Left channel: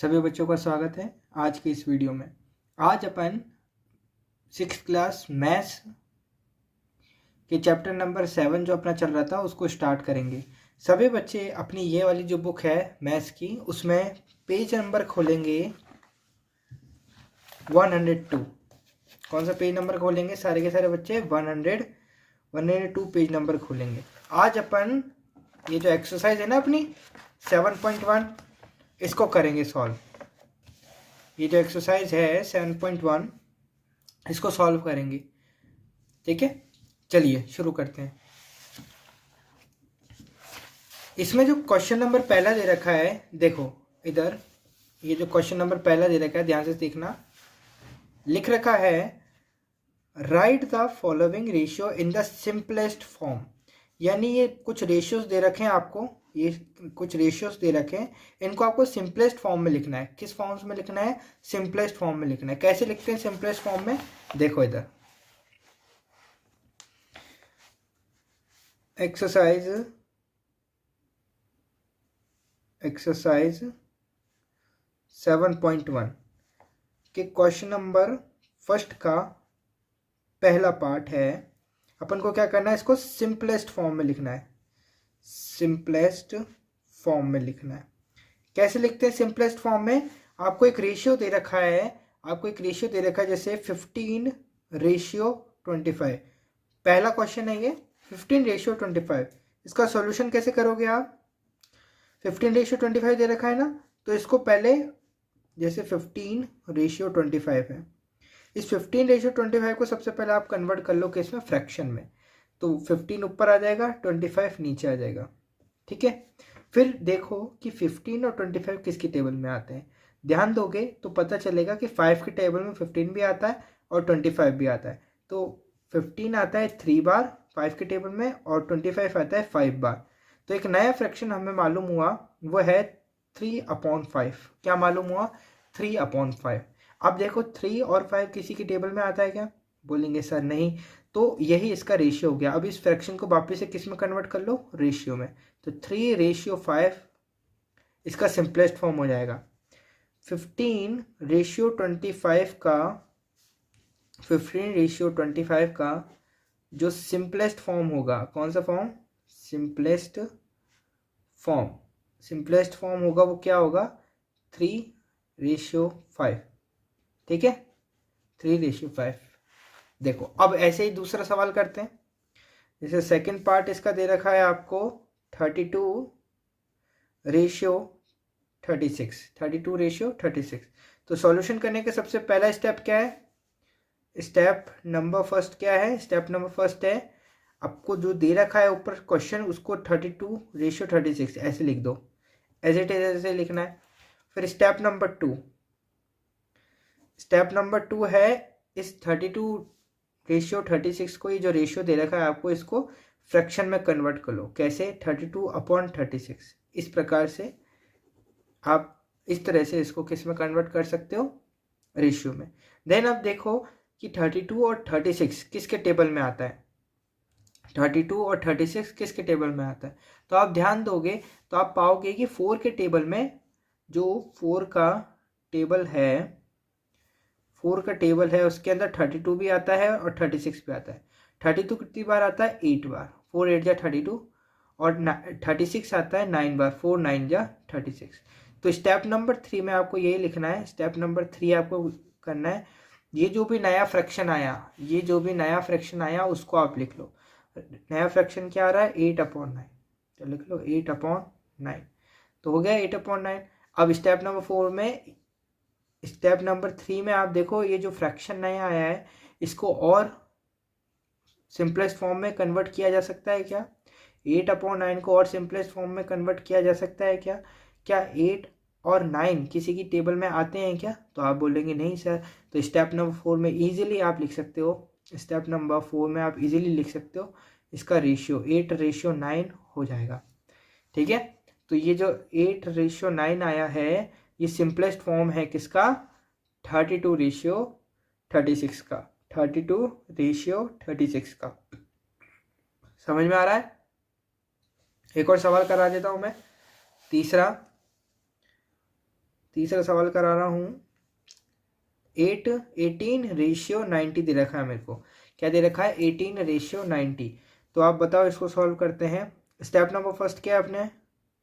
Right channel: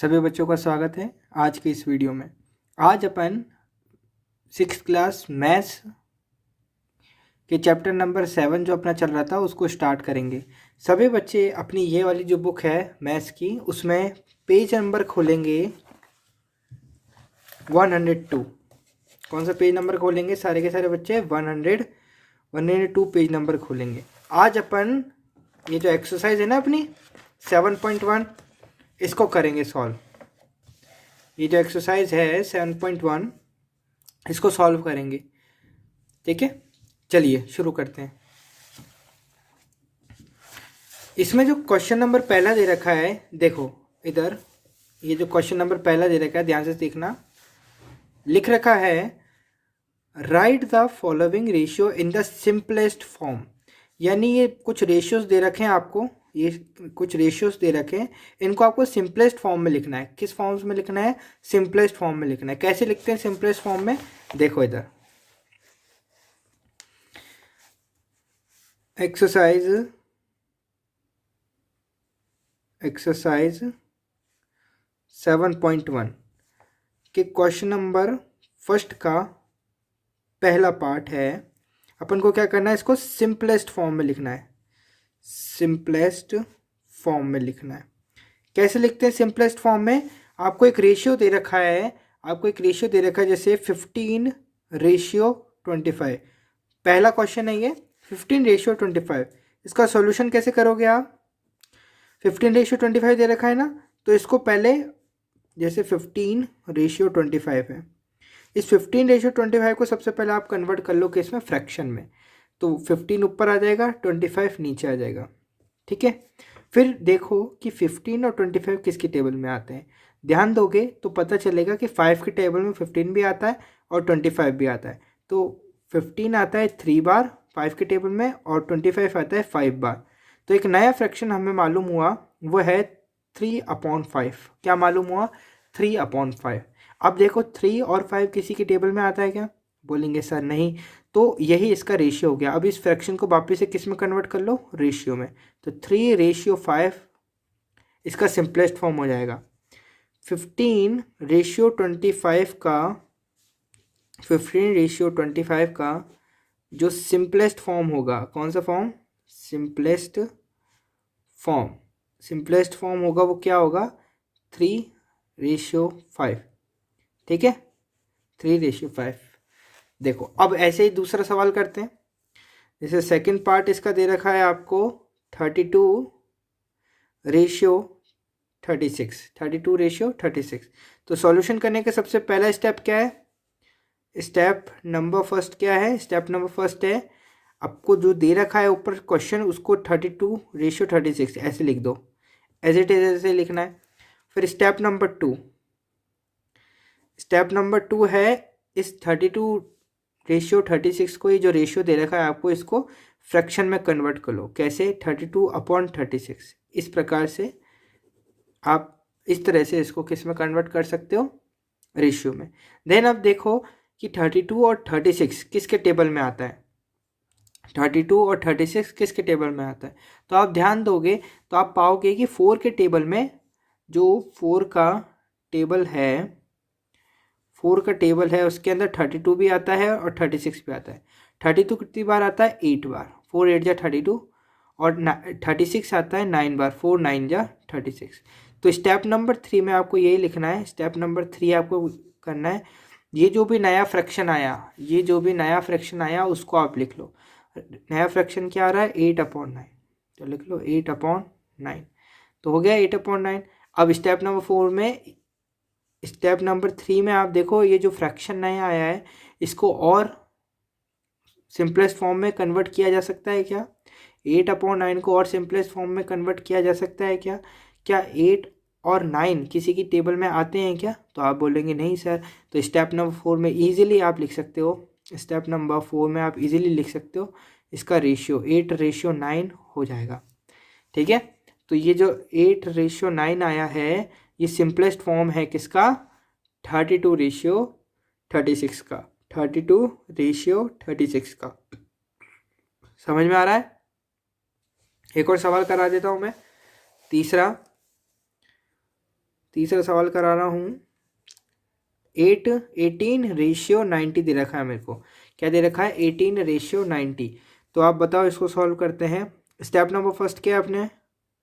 सभी बच्चों का स्वागत है आज की इस वीडियो में। आज अपन 6th क्लास मैथ्स के चैप्टर नंबर 7 जो अपना चल रहा था उसको स्टार्ट करेंगे। सभी बच्चे अपनी ये वाली जो बुक है मैथ्स की उसमें पेज नंबर खोलेंगे 102। कौन सा पेज नंबर खोलेंगे? सारे के सारे बच्चे 102 पेज नंबर खोलेंगे। आज अपन ये जो एक्सरसाइज है ना अपनी 7.1 इसको करेंगे सॉल्व। ये जो एक्सरसाइज है 7.1 इसको सॉल्व करेंगे। ठीक है, चलिए शुरू करते हैं। इसमें जो क्वेश्चन नंबर पहला दे रखा है, देखो इधर ये जो क्वेश्चन नंबर पहला दे रखा है ध्यान से देखना। लिख रखा है right the following ratio in the simplest form. यानी ये कुछ रेशियोज दे रखे हैं आपको, ये कुछ रेशियोज दे रखे हैं, इनको आपको सिंपलेस्ट फॉर्म में लिखना है। किस फॉर्म्स में लिखना है? सिंपलेस्ट फॉर्म में लिखना है। कैसे लिखते हैं सिंपलेस्ट फॉर्म में? देखो इधर एक्सरसाइज 7.1 के क्वेश्चन नंबर फर्स्ट का पहला पार्ट है। अपन को क्या करना है? इसको सिंपलेस्ट फॉर्म में लिखना है। सिंपलेस्ट फॉर्म में लिखना है। कैसे लिखते हैं सिंपलेस्ट फॉर्म में? आपको एक रेशियो दे रखा है, जैसे 15:25। पहला क्वेश्चन है ये 15:25। इसका सॉल्यूशन कैसे करोगे आप? 15:25 दे रखा है ना, तो इसको पहले जैसे 15:25 है, इस 15:25 को सबसे पहले आप कन्वर्ट कर लो कि इसमें फ्रैक्शन में, तो 15 ऊपर आ जाएगा, 25 नीचे आ जाएगा। ठीक है, फिर देखो कि 15 और 25 किसकी टेबल में आते हैं। ध्यान दोगे तो पता चलेगा कि 5 की टेबल में 15 भी आता है और 25 भी आता है। तो 15 आता है 3 बार 5 की टेबल में और 25 आता है 5 बार। तो एक नया फ्रैक्शन हमें मालूम हुआ, वो है 3/5। क्या मालूम हुआ? 3/5। अब देखो 3 और 5 किसी की टेबल में आता है क्या? बोलेंगे सर नहीं। तो यही इसका रेशियो हो गया। अब इस फ्रैक्शन को वापस से किस में कन्वर्ट कर लो? रेशियो में। तो 3:5 इसका सिंपलेस्ट फॉर्म हो जाएगा। 15:25 का जो सिंपलेस्ट फॉर्म होगा, कौन सा फॉर्म? सिंपलेस्ट फॉर्म होगा वो क्या होगा? 3:5। ठीक है, 3:5। देखो अब ऐसे ही दूसरा सवाल करते हैं। जैसे सेकंड पार्ट इसका दे रखा है आपको 32:36। तो सॉल्यूशन करने का सबसे पहला स्टेप क्या है? स्टेप नंबर फर्स्ट है आपको जो दे रखा है ऊपर क्वेश्चन, उसको 32:36 ऐसे लिख दो, एज इट इज ऐसे लिखना है। फिर स्टेप नंबर टू है इस 32:36 को, ये जो रेशियो दे रखा है आपको, इसको फ्रैक्शन में कन्वर्ट कर लो। कैसे? 32/36। इस प्रकार से आप इस तरह से इसको किस में कन्वर्ट कर सकते हो? रेशियो में। देन अब देखो कि 32 और 36 किसके टेबल में आता है? 32 और 36 किसके टेबल में आता है? तो आप ध्यान दोगे तो आप पाओगे कि 4 के टेबल में, जो 4 का टेबल है उसके अंदर 32 भी आता है और 36 भी आता है। 32 कितनी बार आता है? 8 बार। 4 8 जा 32। और 36 आता है 9 बार। 4 9 जा 36। तो स्टेप नंबर 3 में आपको यही लिखना है। स्टेप नंबर 3 आपको करना है, ये जो भी नया फ्रैक्शन आया उसको आप लिख लो। नया फ्रैक्शन क्या आ रहा है? 8/9। तो लिख लो 8/9। तो हो गया 8/9। अब स्टेप नंबर 3 में आप देखो ये जो फ्रैक्शन नया आया है इसको और सिंपलेस्ट फॉर्म में कन्वर्ट किया जा सकता है क्या? 8/9 को और सिंपलेस्ट फॉर्म में कन्वर्ट किया जा सकता है क्या? क्या 8 और 9 किसी की टेबल में आते हैं क्या? तो आप बोलेंगे नहीं सर। तो स्टेप नंबर 4 में ईजिली आप लिख सकते हो, इसका रेशियो 8:9 हो जाएगा। ठीक है, तो ये जो 8:9 आया है ये सिंपलेस्ट फॉर्म है किसका? 32:36 का। 32:36 का। समझ में आ रहा है? एक और सवाल करा देता हूं मैं, तीसरा। तीसरा सवाल करा रहा हूँ। 18:90 दे रखा है मेरे को। क्या दे रखा है? 18:90। तो आप बताओ, इसको सॉल्व करते हैं। स्टेप नंबर फर्स्ट क्या है अपने?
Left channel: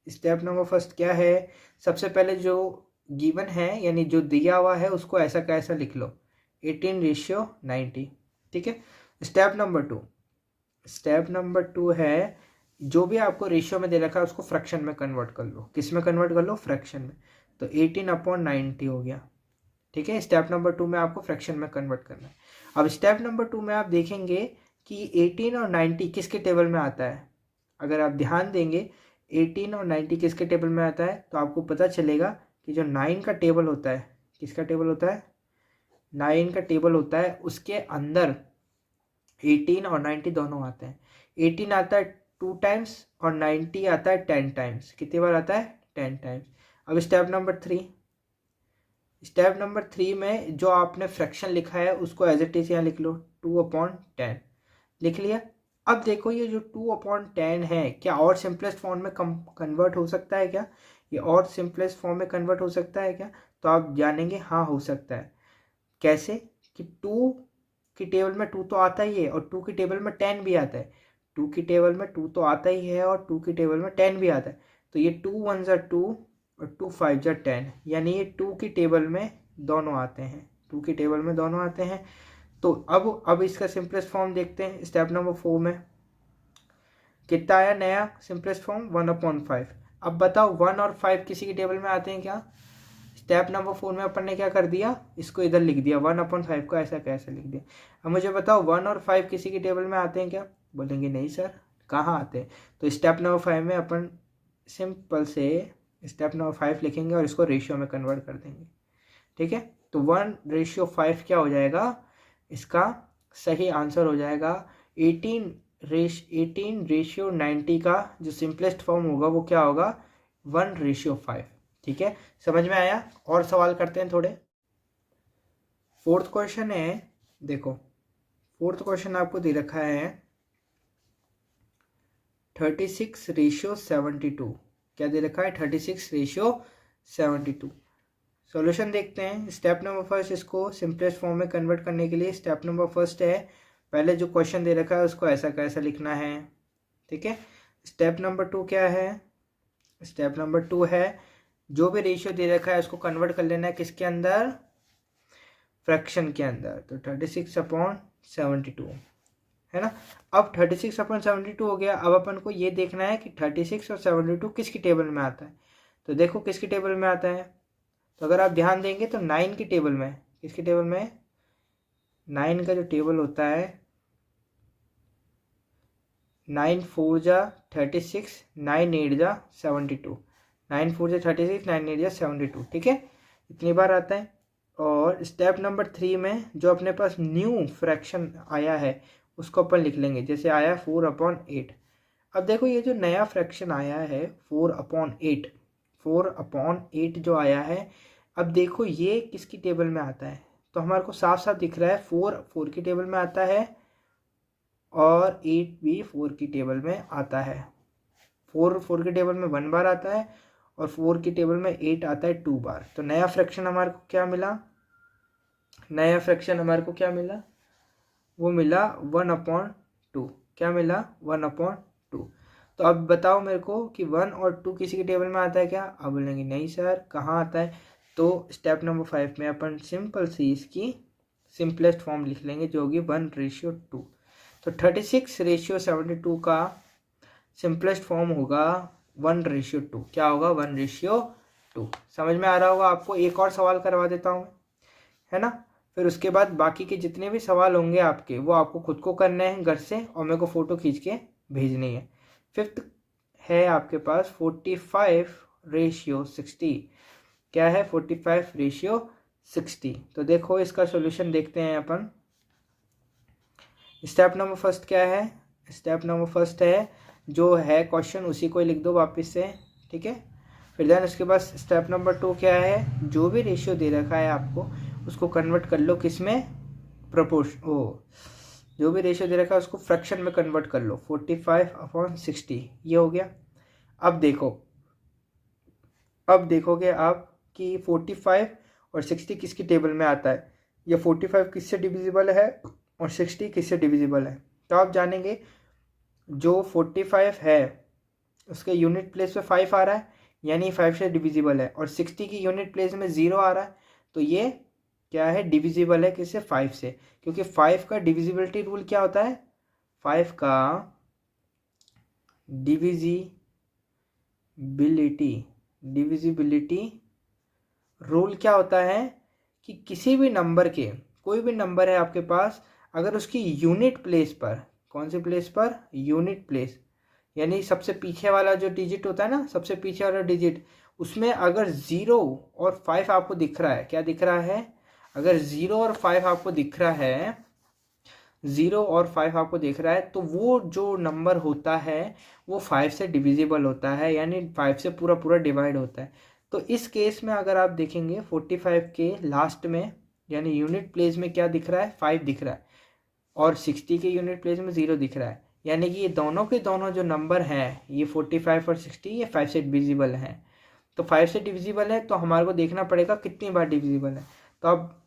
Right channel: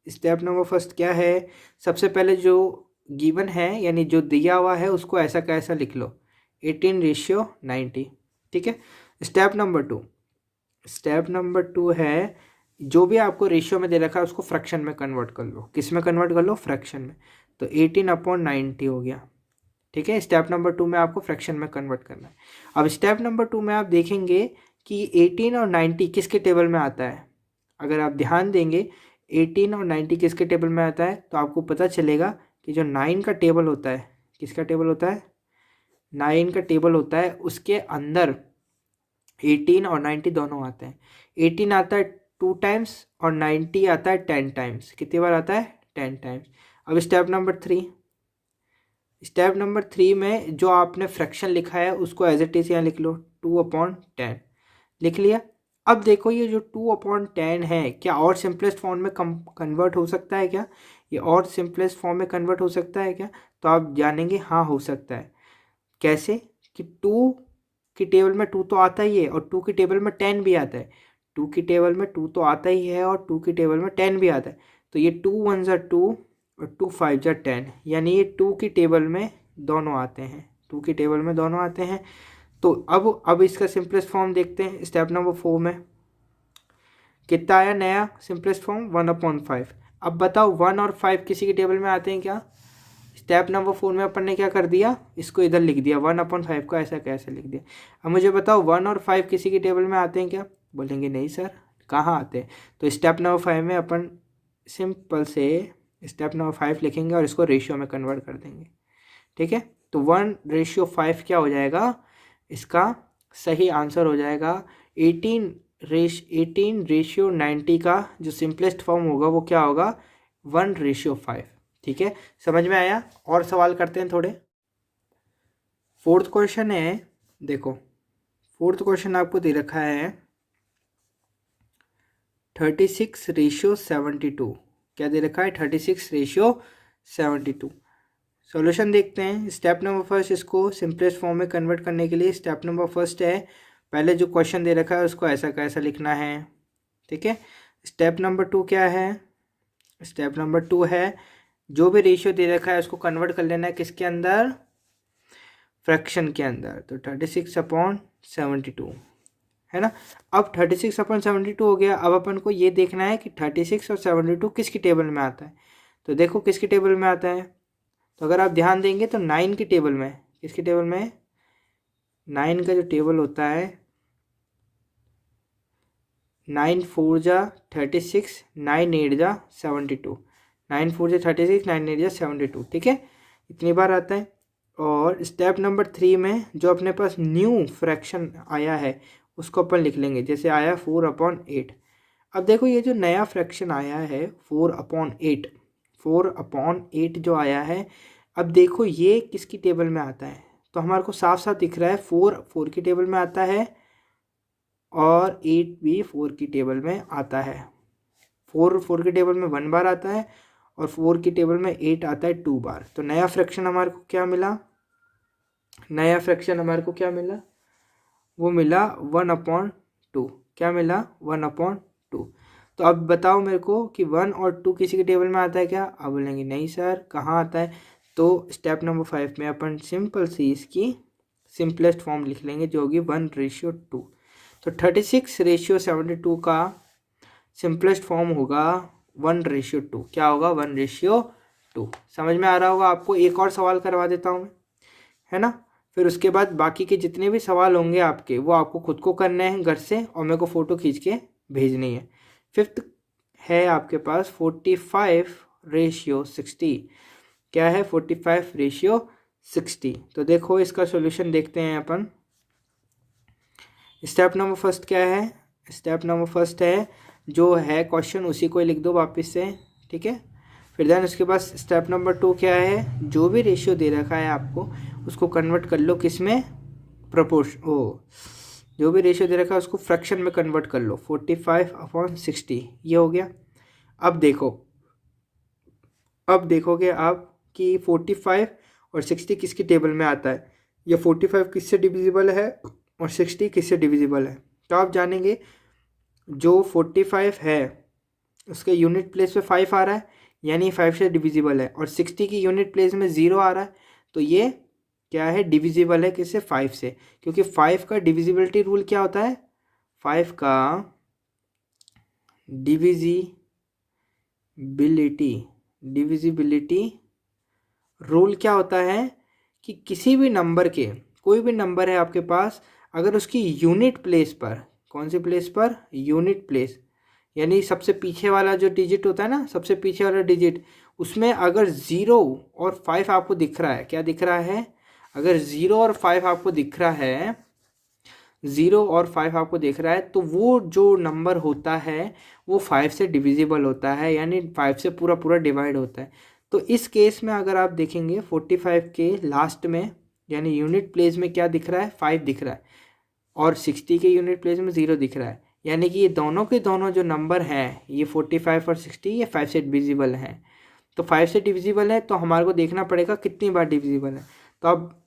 स्टेप नंबर फर्स्ट क्या है? सबसे पहले जो गिवन है यानी जो दिया हुआ है उसको ऐसा कैसा लिख लो, 18:90। ठीक है। स्टेप नंबर टू है, जो भी आपको रेशियो में दे रखा है उसको फ्रैक्शन में कन्वर्ट कर लो। किस में कन्वर्ट कर लो? फ्रैक्शन में। तो 18/90 हो गया। ठीक है। स्टेप नंबर 2 में आपको फ्रैक्शन में कन्वर्ट करना है। अब स्टेप नंबर 2 में आप देखेंगे कि 18 और 90 किसके टेबल में आता है। अगर आप ध्यान देंगे 18 और 90 किसके टेबल में आता है, तो आपको पता चलेगा कि जो 9 का टेबल होता है, किसका टेबल होता है? 9 का टेबल होता है, उसके अंदर 18 और 90 दोनों आते हैं। 18 आता है 2 टाइम्स और 90 आता है 10 टाइम्स। कितनी बार आता है? 10 टाइम्स। अब स्टेप नंबर 3 में जो आपने फ्रैक्शन लिखा है उसको एज इट इज यहाँ लिख लो, 2/10 लिख लिया। अब देखो ये जो 2/10 है, क्या और सिंपलेस्ट फॉर्म में कन्वर्ट हो सकता है क्या? ये और सिंपलेस्ट फॉर्म में कन्वर्ट हो सकता है क्या? तो आप जानेंगे हाँ हो सकता है। कैसे? कि 2 की टेबल में 2 तो आता ही है और 2 की टेबल में 10 भी आता है। 2 की टेबल में 2 तो आता ही है और 2 की टेबल में 10 भी आता है। तो ये 2 1 ज़ा 2 और 2 5 ज़ा 10, यानी ये 2 की टेबल में दोनों आते हैं। 2 की टेबल में दोनों आते हैं। तो अब इसका सिंपलेस्ट फॉर्म देखते हैं। स्टेप नंबर 4 में कितना आया नया सिंपलेस्ट फॉर्म? 1/5। अब बताओ 1 और 5 किसी की टेबल में आते हैं क्या? स्टेप नंबर 4 में अपन ने क्या कर दिया, इसको इधर लिख दिया, 1/5 को ऐसा कैसे लिख दिया। अब मुझे बताओ 1 और 5 किसी की टेबल में आते हैं क्या? बोलेंगे नहीं सर, कहाँ आते हैं। तो स्टेप नंबर 5 में अपन सिंपल से स्टेप नंबर 5 लिखेंगे और इसको रेशियो में कन्वर्ट कर देंगे। ठीक है। तो 1/5 क्या हो जाएगा? इसका सही आंसर हो जाएगा 18:90 का जो सिंपलेस्ट फॉर्म होगा वो क्या होगा? 1/5। ठीक है, समझ में आया? और सवाल करते हैं थोड़े। फोर्थ क्वेश्चन है, देखो फोर्थ क्वेश्चन आपको दे रखा है 36:72। क्या दे रखा है? 36:72। सॉल्यूशन देखते हैं। स्टेप नंबर फर्स्ट, इसको सिंपलेस्ट फॉर्म में कन्वर्ट करने के लिए स्टेप नंबर फर्स्ट है, पहले जो क्वेश्चन दे रखा है उसको ऐसा कैसा लिखना है। ठीक है। स्टेप नंबर 2 क्या है? स्टेप नंबर 2 है जो भी रेशियो दे रखा है उसको कन्वर्ट कर लेना है किसके अंदर? फ्रैक्शन के अंदर। तो 36/72 है ना। अब 36/72 हो गया। अब अपन को ये देखना है कि 36 और 72 किसकी टेबल में आता है। तो देखो किसकी टेबल में आता है। तो अगर आप ध्यान देंगे तो 9 की टेबल में, किसकी टेबल में? 9 का जो टेबल होता है, 9 4 जा 36, 9 8 जा 72, 9 4 जा 36, 9 8 जा 72। ठीक है, इतनी बार आता है। और स्टेप नंबर 3 में जो अपने पास न्यू फ्रैक्शन आया है उसको अपन लिख लेंगे, जैसे आया 4/8। अब देखो ये जो नया फ्रैक्शन आया है 4/8, 4/8 जो आया है, अब देखो ये किसकी टेबल में आता है। तो हमारे को साफ साफ दिख रहा है 4 की टेबल में आता है और 8 भी 4 की टेबल में आता है। 4 की टेबल में 1 बार आता है और 4 की टेबल में 8 आता है 2 बार। तो नया फ्रैक्शन हमारे को क्या मिला? नया फ्रैक्शन हमारे को क्या मिला? वो मिला 1/2। क्या मिला? 1/2। तो अब बताओ मेरे को कि 1 और 2 किसी की टेबल में आता है क्या? अब बोलेंगे नहीं सर, कहाँ आता है। तो स्टेप नंबर 5 में अपन सिंपल सी इसकी सिंपलेस्ट फॉर्म लिख लेंगे जो होगी 1/2। तो 36:72 का सिंपलेस्ट फॉर्म होगा 1/2। क्या होगा? 1/2। समझ में आ रहा होगा आपको। एक और सवाल करवा देता हूँ, है ना। फिर उसके बाद बाकी के जितने भी सवाल होंगे आपके वो आपको खुद को करने हैं घर से और मेरे को फ़ोटो खींच के भेजनी है। फिफ्थ है आपके पास 45:60। क्या है? 45:60। तो देखो इसका सॉल्यूशन देखते हैं अपन। स्टेप नंबर फर्स्ट क्या है? स्टेप नंबर फर्स्ट है जो है क्वेश्चन उसी को लिख दो वापस से। ठीक है। फिर देन उसके बाद स्टेप नंबर 2 क्या है? जो भी रेशियो दे रखा है आपको उसको कन्वर्ट कर लो किस में? जो भी रेशियो दे रखा है उसको फ्रैक्शन में कन्वर्ट कर लो, 45/60 ये हो गया। अब देखो, अब देखोगे आप कि 45 और 60 किसकी टेबल में आता है, या 45 किससे डिविजिबल है और 60 किससे डिविजिबल है। तो आप जानेंगे जो 45 है उसके यूनिट प्लेस पे 5 आ रहा है, यानी 5 से डिविजिबल है, और 60 की यूनिट प्लेस में 0 आ रहा है, तो ये क्या है, डिविजिबल है किससे, 5 से। क्योंकि 5 का डिविजिबिलिटी रूल क्या होता है, 5 का डिविजिबिलिटी रूल क्या होता है कि किसी भी नंबर के, कोई भी नंबर है आपके पास, अगर उसकी यूनिट प्लेस पर, कौन से प्लेस पर, यूनिट प्लेस, यानी सबसे पीछे वाला जो डिजिट होता है ना, सबसे पीछे वाला डिजिट, उसमें अगर 0 और 5 आपको दिख रहा है, क्या दिख रहा है, अगर 0 और 5 आपको दिख रहा है, 0 और 5 आपको दिख रहा है, तो वो जो नंबर होता है वो 5 से डिविजिबल होता है, यानी 5 से पूरा पूरा डिवाइड होता है। तो इस केस में अगर आप देखेंगे 45 के लास्ट में, यानी यूनिट प्लेस में क्या दिख रहा है, 5 दिख रहा है, और 60 के यूनिट प्लेस में 0 दिख रहा है, यानी कि ये दोनों के दोनों जो नंबर हैं, ये 45 और 60, ये 5 से डिविजिबल हैं। तो 5 से डिविजिबल है तो हमारे को देखना पड़ेगा कितनी बार डिविजिबल है। तो आप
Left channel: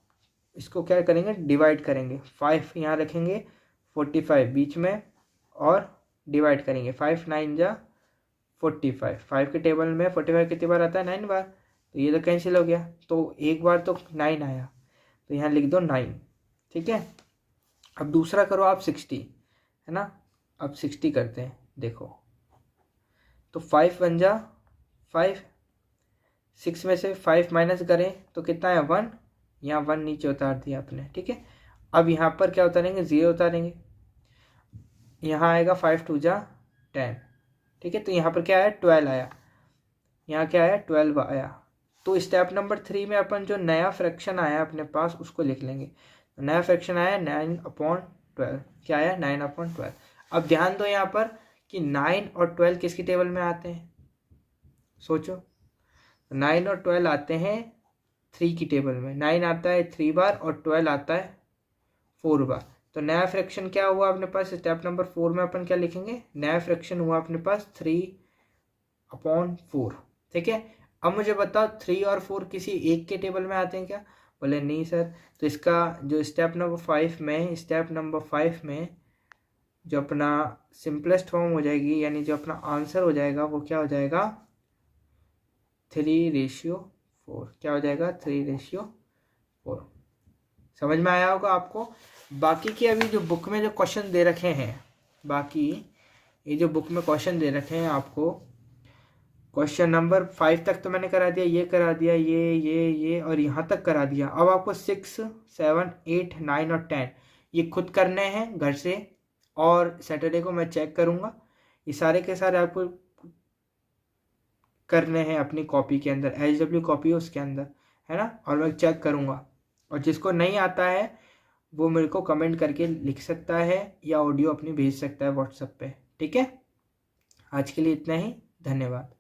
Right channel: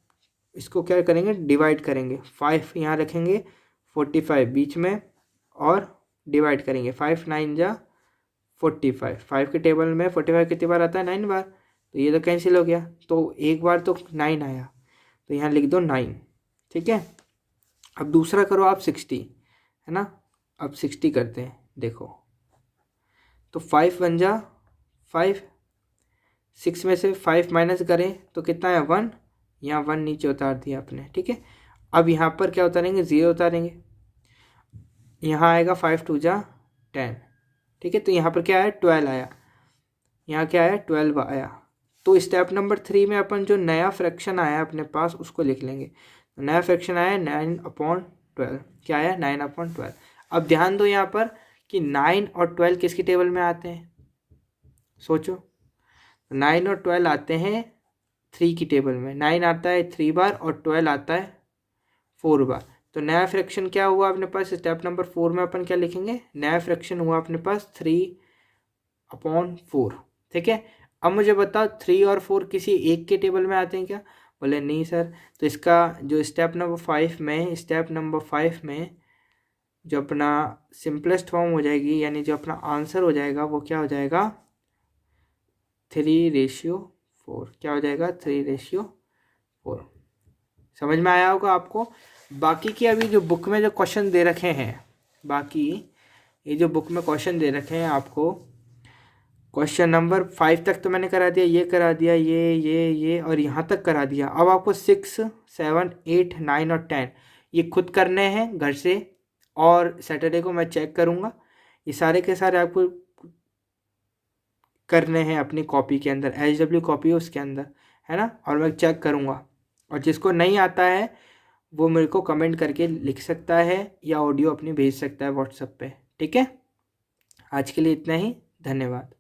इसको क्या करेंगे, डिवाइड करेंगे, 5 यहाँ रखेंगे, 45 बीच में, और डिवाइड करेंगे, 5 9 जा 45, 5 के टेबल में 45 कितनी बार आता है, 9 बार, तो ये तो कैंसिल हो गया, तो एक बार तो 9 आया, तो यहाँ लिख दो 9, ठीक है। अब दूसरा करो आप 60, है ना, अब 60 करते हैं, देखो, तो 5 बन जा 5, 6 में से 5 माइनस करें तो कितना है, 1, यहाँ 1 नीचे उतार दिया आपने, ठीक है। अब यहाँ पर क्या उतारेंगे, 0 उतारेंगे, यहाँ आएगा 5 2 जा 10, ठीक है। तो यहाँ पर क्या आया, 12 आया, यहाँ क्या आया, 12 आया। तो स्टेप नंबर 3 में अपन जो नया फ्रैक्शन आया अपने पास उसको लिख लेंगे। नया फ्रैक्शन आया 9/12, क्या आया, 9/12। अब ध्यान दो यहाँ पर कि 9 और 12 किसकी टेबल में आते हैं, सोचो, 9 और 12 आते हैं 3 की टेबल में, 9 आता है 3 बार और 12 आता है 4 बार। तो नया फ्रैक्शन क्या हुआ अपने पास, स्टेप नंबर 4 में अपन क्या लिखेंगे, नया फ्रैक्शन हुआ अपने पास 3/4, ठीक है। अब मुझे बताओ 3 और 4 किसी एक के टेबल में आते हैं क्या, बोले नहीं सर। तो इसका जो स्टेप नंबर 5 में जो अपना सिंपलेस्ट फॉर्म हो जाएगी, यानी जो अपना आंसर हो जाएगा वो क्या हो जाएगा, 3/4, क्या हो जाएगा, 3/4। समझ में आया होगा आपको। बाकी की अभी जो बुक में जो क्वेश्चन दे रखे हैं, बाकी ये जो बुक में क्वेश्चन दे रखे हैं आपको, क्वेश्चन नंबर 5 तक तो मैंने करा दिया, ये करा दिया, ये और यहाँ तक करा दिया। अब आपको 6 7 8 9 और 10 ये खुद करने हैं घर से, और सैटरडे को मैं चेक करूँगा। ये सारे के सारे आपको करने हैं अपनी कॉपी के अंदर, HW कॉपी है उसके अंदर, है ना, और मैं चेक करूँगा। और जिसको नहीं आता है वो मेरे को कमेंट करके लिख सकता है या ऑडियो अपनी भेज सकता है व्हाट्सएप पे, ठीक है। आज के लिए इतना ही, धन्यवाद।